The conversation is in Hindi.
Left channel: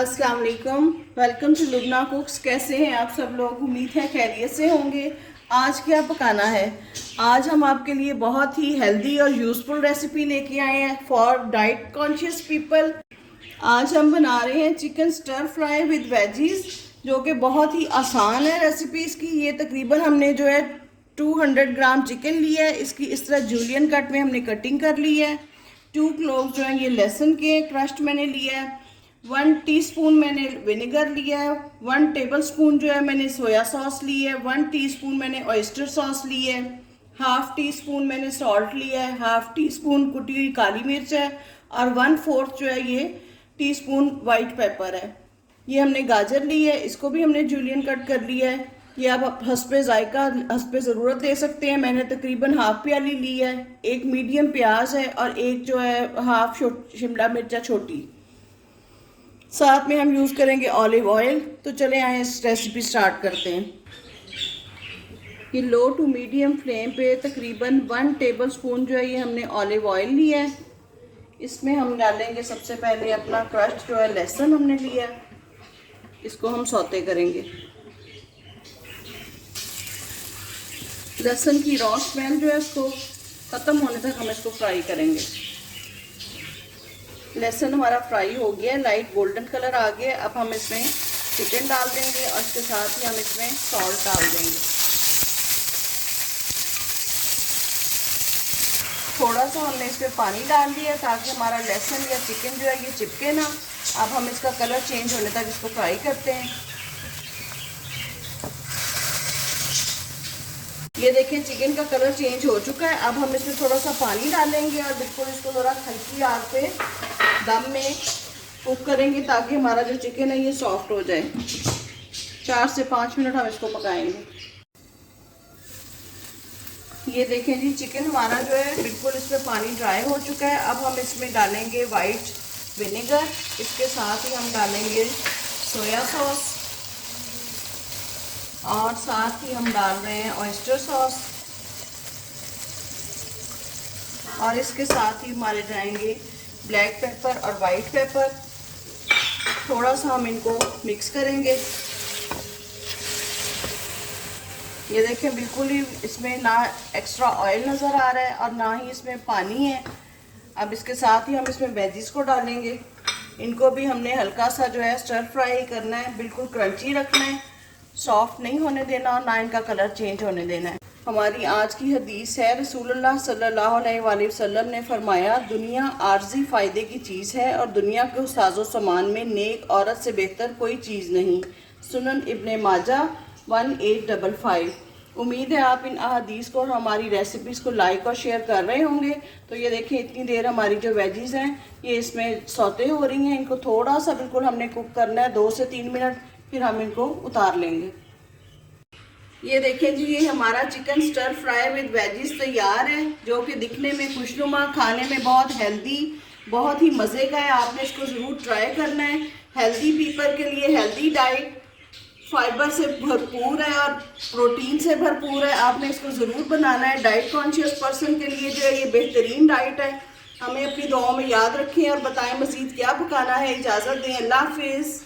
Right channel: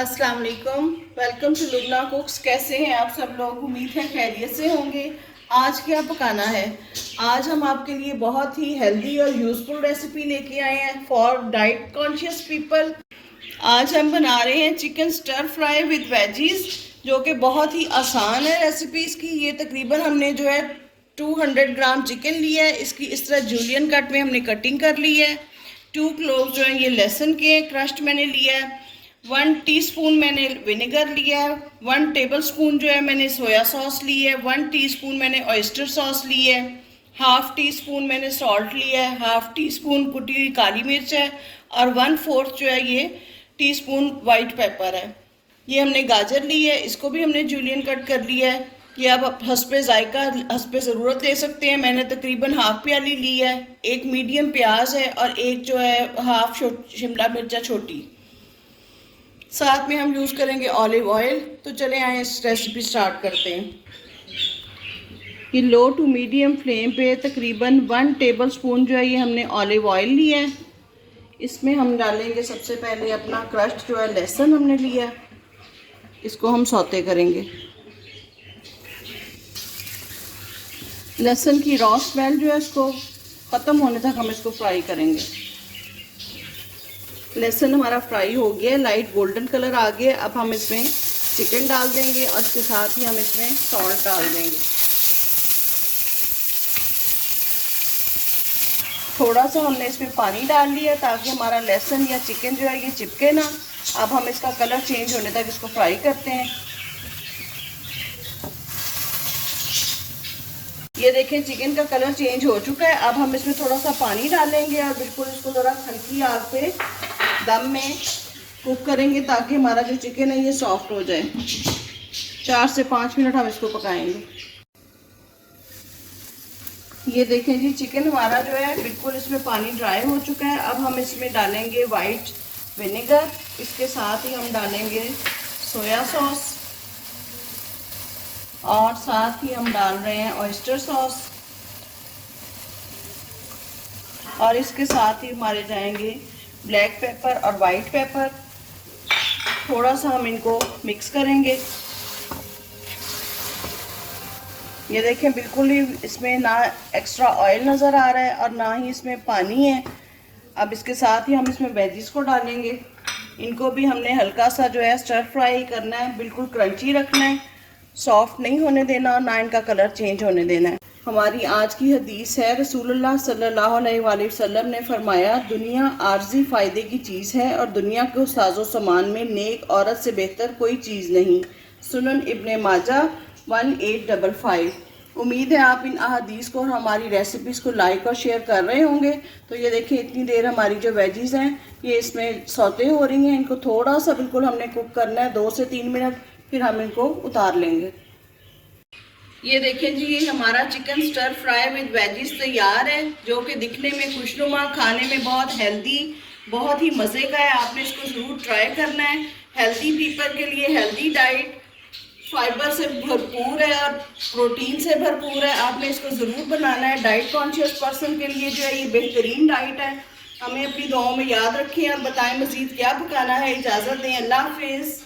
अस्सलाम वालेकुम, वेलकम टू लुबना कुक्स। कैसे हैं आप सब लोग? उम्मीद है खैरियत से होंगे। आज क्या पकाना है? आज हम आपके लिए बहुत ही हेल्दी और यूज़फुल रेसिपी लेके आए हैं फॉर डाइट कॉन्शियस पीपल। आज हम बना रहे हैं chicken stir fry with veggies, जो कि बहुत ही आसान है रेसिपी इसकी। ये तकरीबन हमने जो है 200 ग्राम चिकन लिया है। इसकी इस तरह जूलियन कट में हमने कटिंग कर ली है। 2 क्लोव जो है ये लहसुन के क्रश्ड मैंने लिया है। 1 टीस्पून मैंने विनेगर लिया है। 1 टेबलस्पून जो है मैंने सोया सॉस ली है। 1 टीस्पून मैंने ऑयस्टर सॉस ली है। हाफ टी स्पून मैंने सॉल्ट लिया है। हाफ टी स्पून कुटी हुई काली मिर्च है। और 1/4 जो है ये टीस्पून वाइट पेपर है। ये हमने गाजर ली है, इसको भी हमने जूलियन कट कर लिया है। ये आप हस्बे जायका हस्बे ज़रूरत ले सकते हैं। मैंने तकरीबन हाफ प्याली ली है। एक मीडियम प्याज है और एक जो है हाफ शिमला मिर्चा छोटी। साथ में हम यूज़ करेंगे ऑलिव ऑयल। तो चले आए इस रेसिपी स्टार्ट करते हैं। ये लो टू मीडियम फ्लेम पे तकरीबन 1 टेबलस्पून जो है ये हमने ऑलिव ऑयल लिया है। इसमें हम डालेंगे सबसे पहले अपना क्रश्ड जो है लहसुन हमने लिया है, इसको हम सौते करेंगे। लहसुन की रॉ स्मेल जो है इसको ख़त्म होने तक हम इसको फ्राई करेंगे। लहसुन हमारा फ्राई हो गया, लाइट गोल्डन कलर आ गया। अब हम इसमें चिकन डाल देंगे और इसके साथ ही हम इसमें सॉल्ट डाल देंगे। थोड़ा सा हमने इसमें पानी डाल लिया ताकि हमारा लहसुन या चिकन जो है ये चिपके ना। अब हम इसका कलर चेंज होने तक इसको फ्राई करते हैं। ये देखें चिकन का कलर चेंज हो चुका है। अब हम इसमें थोड़ा सा पानी डालेंगे और बिल्कुल इसको ज़रा हल्की आग पे दम में कुक करेंगे ताकि हमारा जो चिकन है ये सॉफ्ट हो जाए। 4 से 5 मिनट हम इसको पकाएंगे। ये देखें जी चिकन हमारा जो है बिल्कुल इसमें पानी ड्राई हो चुका है। अब हम इसमें डालेंगे वाइट विनेगर, इसके साथ ही हम डालेंगे सोया सॉस और साथ ही हम डाल रहे हैं ऑयस्टर सॉस और इसके साथ ही हमारे जाएंगे ब्लैक पेपर और वाइट पेपर। थोड़ा सा हम इनको मिक्स करेंगे। ये देखें बिल्कुल ही इसमें ना एक्स्ट्रा ऑयल नज़र आ रहा है और ना ही इसमें पानी है। अब इसके साथ ही हम इसमें वेजिस को डालेंगे। इनको भी हमने हल्का सा जो है स्टर फ्राई करना है, बिल्कुल क्रंची रखना है, सॉफ्ट नहीं होने देना और ना इनका कलर चेंज होने देना है। हमारी आज की हदीस है, रसूलुल्लाह सल्लल्लाहु अलैहि वसल्लम ने फरमाया, दुनिया आर्जी फ़ायदे की चीज़ है और दुनिया के साजो सामान में नेक औरत से बेहतर कोई चीज़ नहीं। सुनन इब्ने माजा 1855। उम्मीद है आप इन अहादीस को और हमारी रेसिपीज़ को लाइक और शेयर कर रहे होंगे। तो ये देखिए इतनी देर हमारी जो वेजीज़ हैं ये इसमें सौते हो रही हैं। इनको थोड़ा सा बिल्कुल हमने कुक करना है 2 से 3 मिनट, फिर हम इनको उतार लेंगे। ये देखें जी ये हमारा chicken stir fry with veggies तैयार है, जो कि दिखने में खुशनुमा, खाने में बहुत हेल्दी, बहुत ही मज़े का है। आपने इसको ज़रूर ट्राई करना है। हेल्दी पीपल के लिए हेल्दी डाइट, फाइबर से भरपूर है और प्रोटीन से भरपूर है। आपने इसको ज़रूर बनाना है। डाइट कॉन्शियस पर्सन के लिए जो है ये बेहतरीन डाइट है। हमें अपनी दुआओं में याद रखें और बताएं मज़ीद क्या पकाना है। इजाज़त दें, अल्लाह हाफिज़।